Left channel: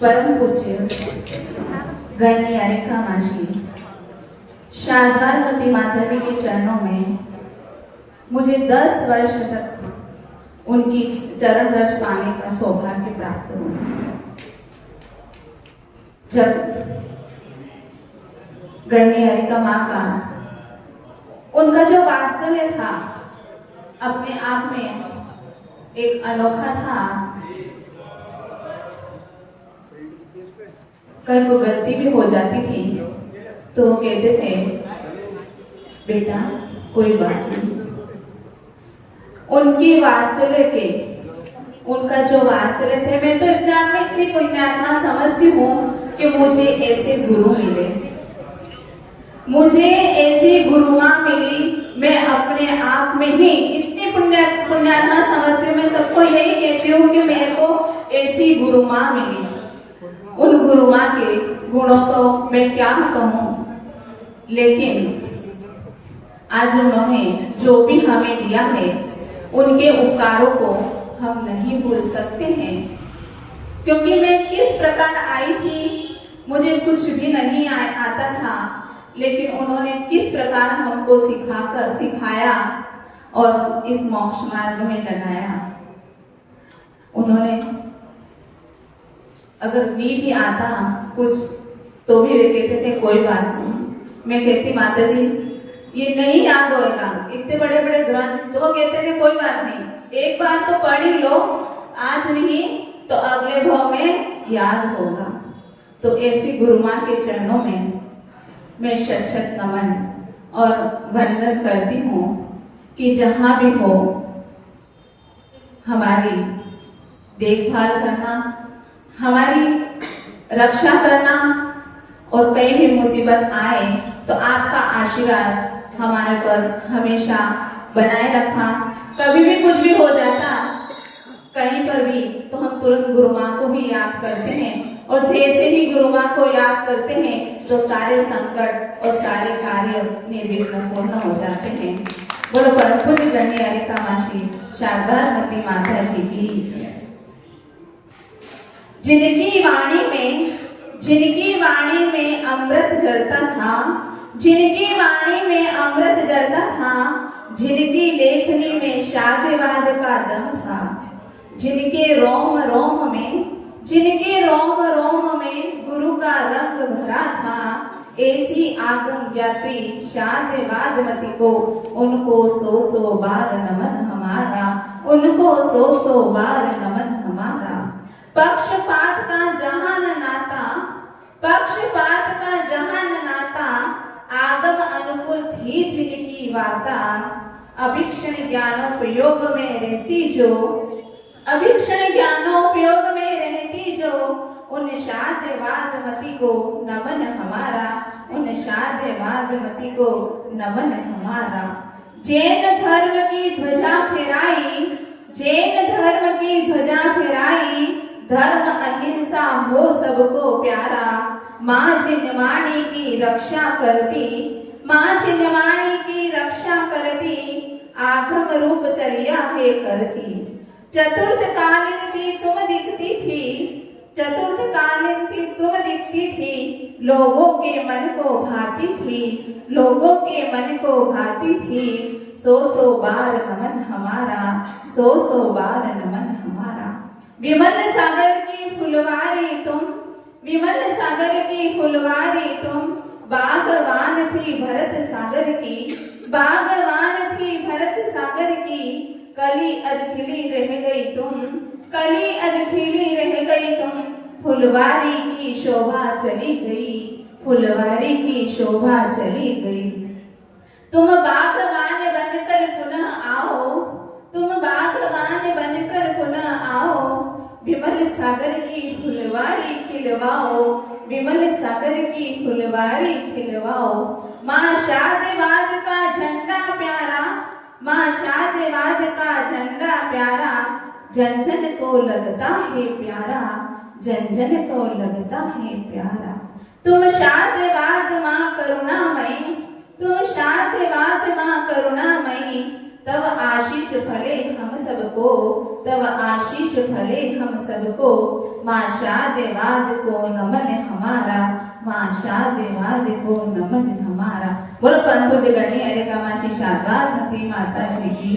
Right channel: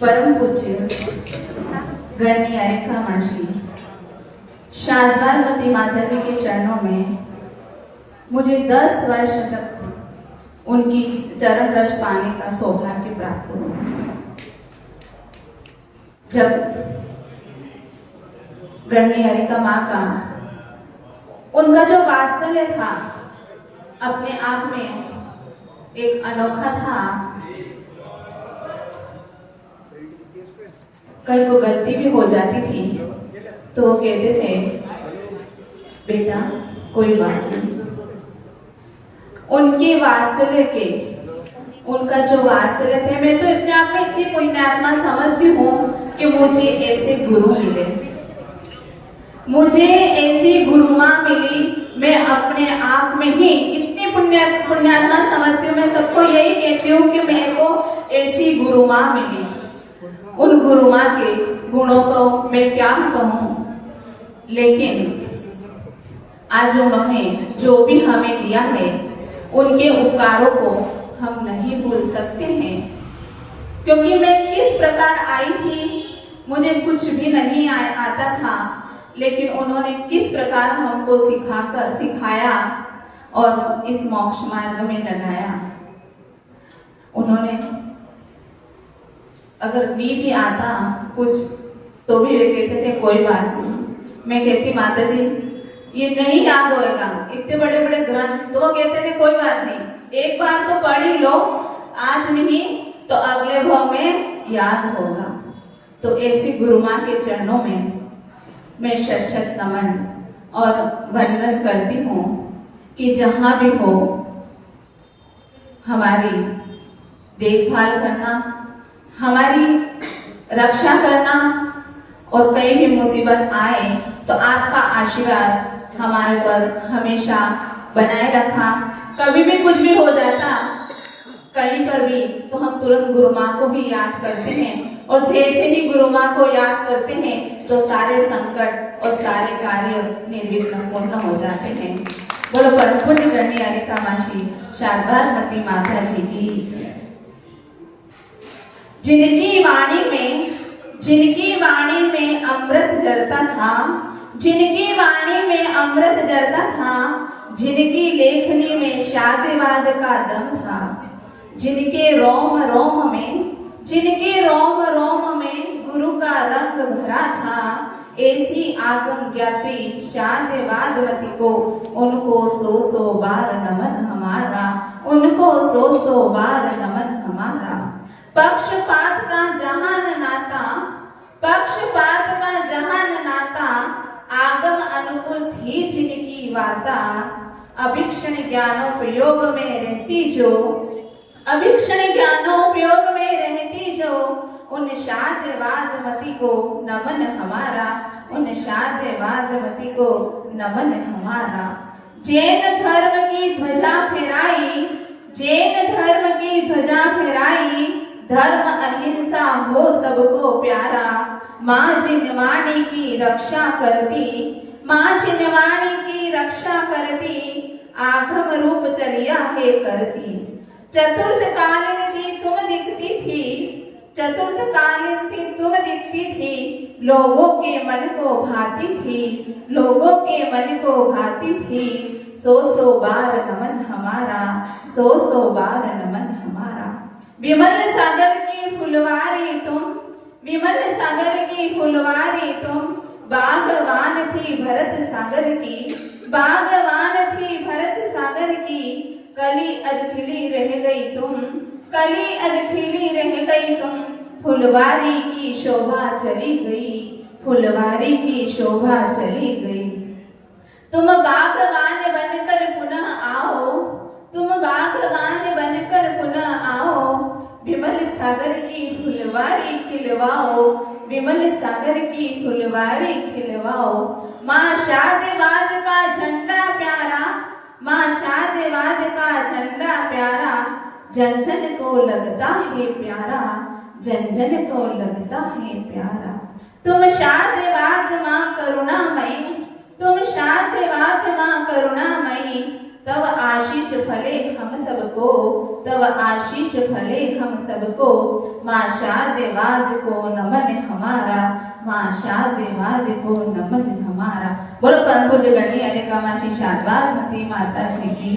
परम पूज्य गणनी अनिका माजी शारदावती माता जी के चरणों में मुझे 10 वर्ष तक उनकी चरण रस पाने का सौभाग्य प्राप्त हुआ। जब गणनी अनिका माँ का उनका जो वात्सल्य था अपने आप में एक अनोखा था। कहीं को गलती भी हो जाती थी तो वो कहते थे बेटा कोई बात नहीं। उनके वात्सल्य के उनका जो वात्सल्य थे, मैं तो अपने आप में इतनी पुण्यात्मा समझती हूँ कि मुझे ऐसे गुरु मिले, मुझे ऐसी गुरुआ मिली। मैं अपने आप में ही इतनी पुण्यात्मा समझती हूँ। मैं सबको यही कहती हूँ कि मेरे को ऐसी गुरुआ मिली। उन गुरुआ के गुणों को मैं क्या कहूँ, लेकिन आज उन्होंने जो भी हमें दिया है उनके उपकारों को हम नहीं भूल सकते हैं। क्योंकि मैं किस प्रकार आई थी, मुझे कुछ भी नहीं आता था, लेकिन उन्होंने किस प्रकार हमको सिखाया और इस मोक्ष मार्ग में लगाया। उन्होंने अगर नहीं भी आता कुछ तो भी वे कहते थे कोई बात नहीं। मैं कहती माता जी ये नहीं याद होएगा, इतने बड़े बड़े ग्रंथ, तो वो कहते थे कोई बात नहीं, एक बार तो पढ़ ही लो, आज नहीं तो अगले भाव में याद होगा। तो ऐसी गुरु माँ के चरणों में मैं शत नमन और वंदन करती हूँ कि जहां भी हो हमारी देखभाल करना, हमारी रक्षा करना, और कहीं भी मुसीबत आए तो आपका आशीर्वाद हमारे पर हमेशा बनाए रखा। कभी भी कुछ भी हो जाता कहीं पर भी तो हम तुरंत गुरु माँ को भी याद करते हैं, और जैसे ही गुरु माँ को याद करते हैं तो सारे संकट और सारे कार्य निर्विघ्न पूर्ण हो जाते हैं। बरोबर पुण्य गणनी अनिका माजी शारदावती माता जी की जय। जिनकी वाणी में अमृत जलता था, जिनकी वाणी में अमृत जलता था, जिनकी लेखनी में शादिवाद का दम था, जिनके रोम रोम में गुरु का रंग भरा था, ऐसी आगम ज्ञाति शादिवादवती को उनको 100 बार नमन हमारा, उनको 100 बार नमन हमारा। पक्षपात का जहान नाता, आगम अनुकूल थी जिनकी वार्ता, अभीक्षण ज्ञानोपयोग में रहती जो, उन शादिवादवती को नमन हमारा, उन शादिवादवती को नमन हमारा। जैन धर्म की ध्वजा फहराई, धर्म अहिंसा हो सबको प्यारा, माँ जिनवाणी की रक्षा करती, आगम रूप चलिया है करती। चतुर्थ कालीन थी तुम दिखती थी, लोगों के मन को भाती थी, 100 बार नमन हमारा, 100 बार नमन हमारा। विमल सागर की फुलवारी तुम, बागवान थी भरत सागर की, कली अध खिली रह गई तुम, फुलवारी की शोभा चली गई। तुम बागवान बनकर पुनः आओ, विमल सागर की फुलवारी खिलवाओ। माँ शादिवाद का झंडा प्यारा, जन जन को लगता है प्यारा, जन जन को लगता है प्यारा। तुम शादवाद माँ करुणामयी, तुम शादवाद माँ करुणामयी, तब आशीष फले हम सबको, तब आशीष फले हम सबको। माँ शादवाद को नमन हमारा, माँ शादवाद को नमन हमारा। बोलो परम पूज्य गणिया माँ श्री शादवाद माता जी की।